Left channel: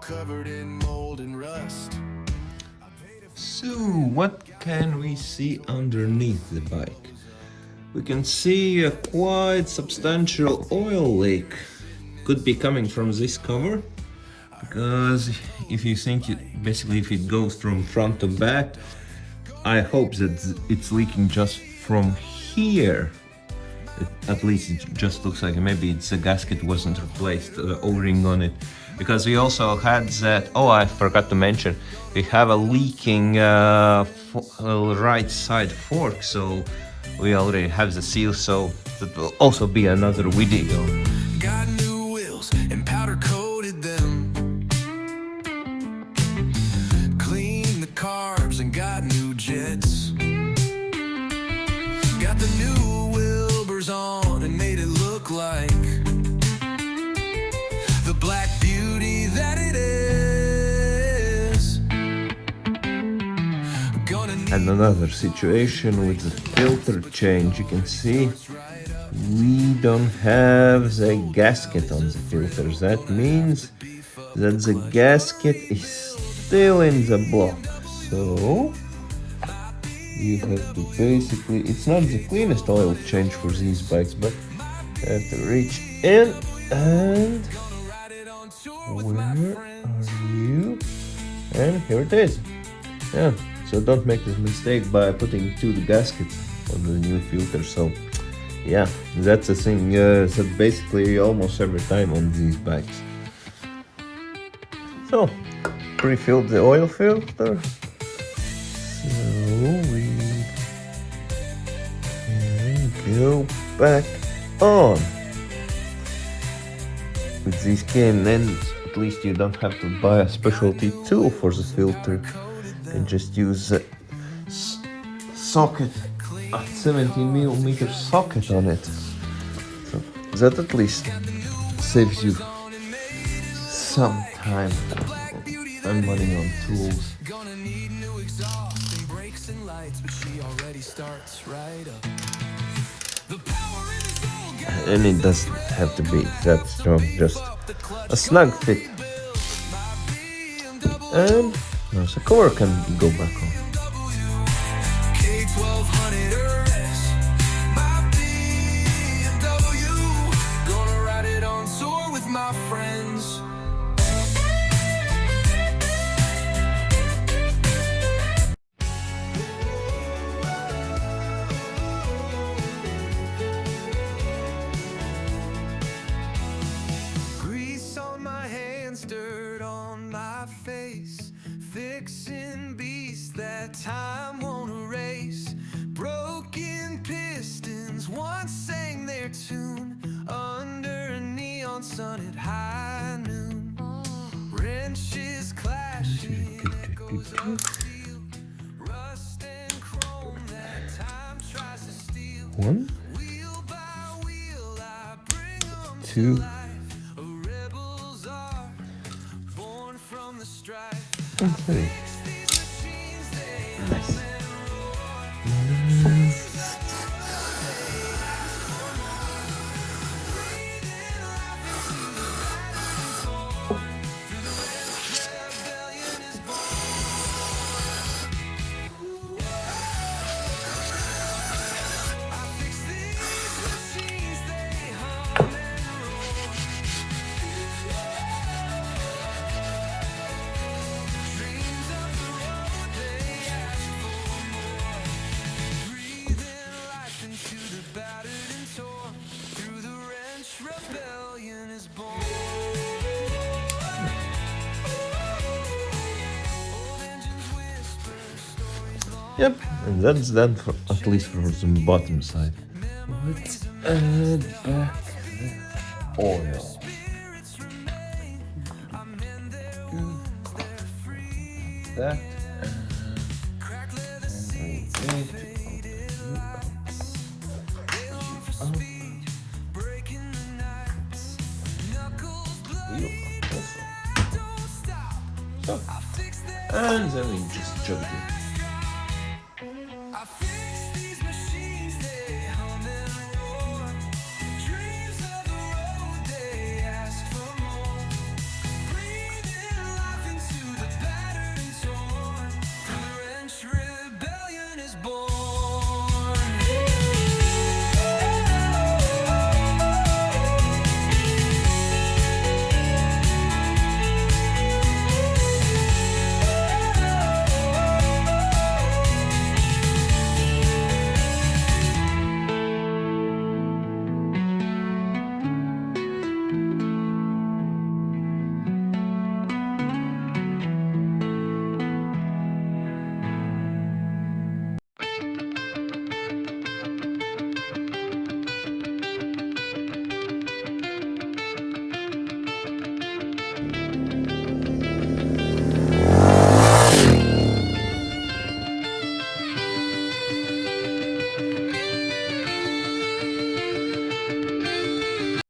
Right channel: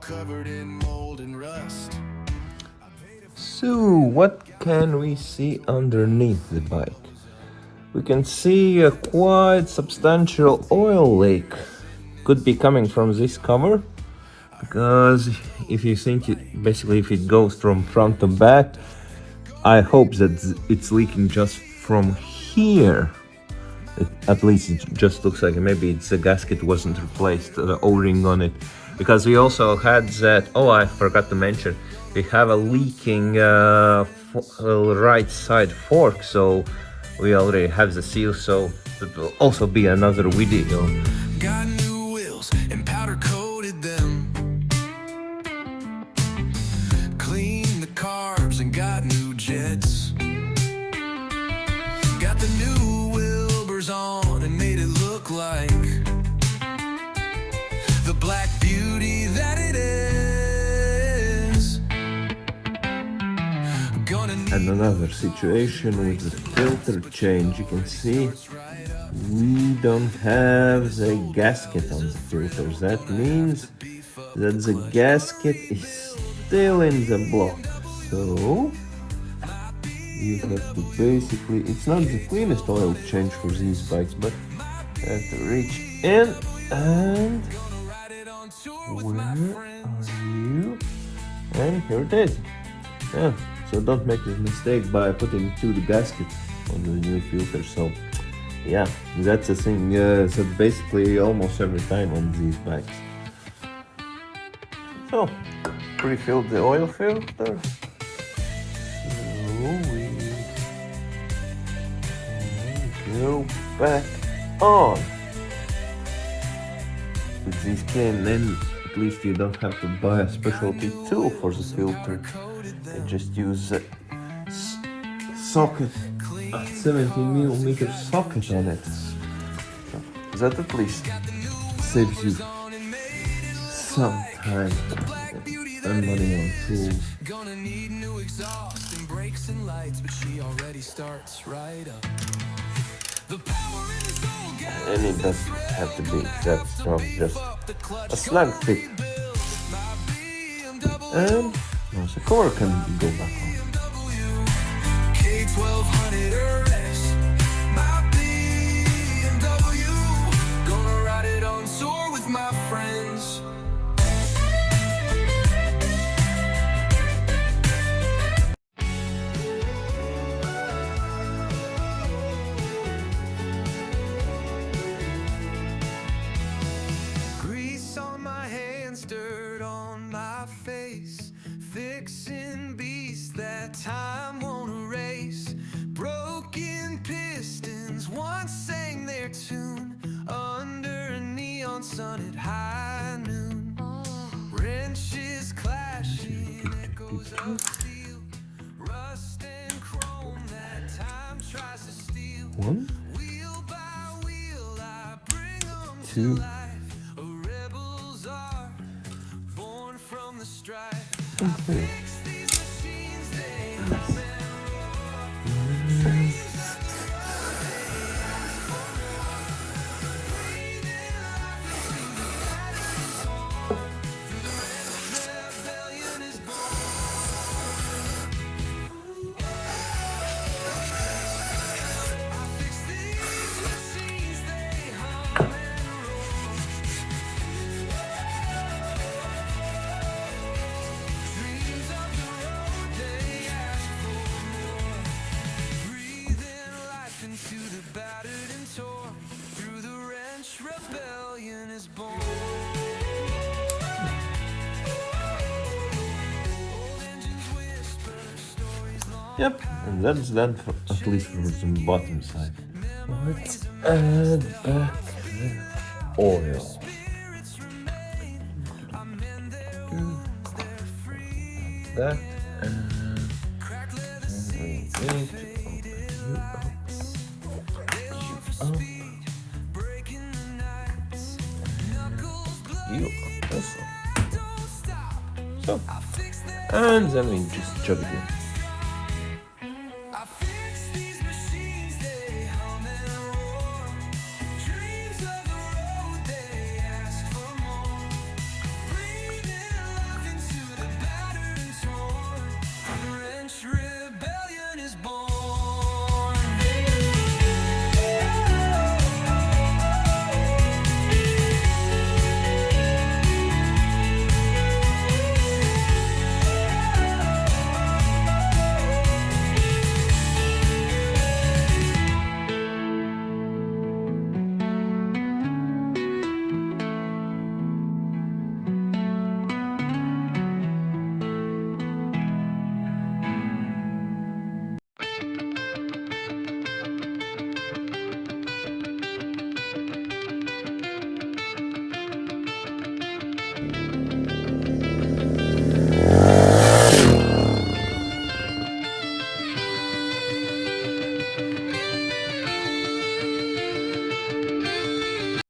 covered in mold and rust. So, what can we see underneath the bike? We can see a quite substantial oil leak. Could be coming from this cover, because if you think it, basically if it goes from front to back, I hope that it's leaking just from here. At least it just looks like maybe the gasket wasn't replaced, the O-ring on it. Because we also had that, oh, I forgot to mention, we have a leaking right side fork, so we already have the seal, so it will also be another video. Got new wheels and powder coated them. Cleaned the carbs and got new jets. Got the new Wilburs on and made it look like the black beauty that it is. And another situation with the filter change, you can see we don't have the gasket on the filters. That means that the gasket is still in the block. So you have to basically, it's not the cleanest oil change for these bikes, but you have to reach in and where are you? And here it is. Yeah, so don't make this mistake by putting two gaskets on the new filter. So yeah, that's a thing. So basically almost every time on these bikes. So pre-filled the oil filter. Go back on. With these K&N, at least you don't have to buy a specialty tool for the filter. You just use a socket, a 17mm socket on it. So that at least saves you some time and money on tools. Gonna need new exhaust and brakes and lights, but she already starts right up. And it doesn't have to be that strong, just a snug fit. And now the cover can go back on. BMW K1200RS, my BMW. Gonna ride it on tour with my friends. Dirt on my face, fixing beasts that time won't erase. Broken pistons once sang their tune under a neon sun at high noon. Wrenches clashing, echoes of steel, rust and chrome that time tries to steal. One, Wheel by wheel I bring them two, to life. From the strife, I fix these machines, they hum and roar. Dreams of the road, they ask for more. Breathing life into the battered and torn. Through the wrench, rebellion is born. I fix these machines, they hum and roar. Rebellion is born. Old engines whisper stories long. yep, and that's done for at least for the bottom side. Let's add back oil. That. Cracked leather seats, faded lights. They long for speed, breaking the nights. Knuckles bleed, but I don't stop. So, I fix that. and then we just chug it in.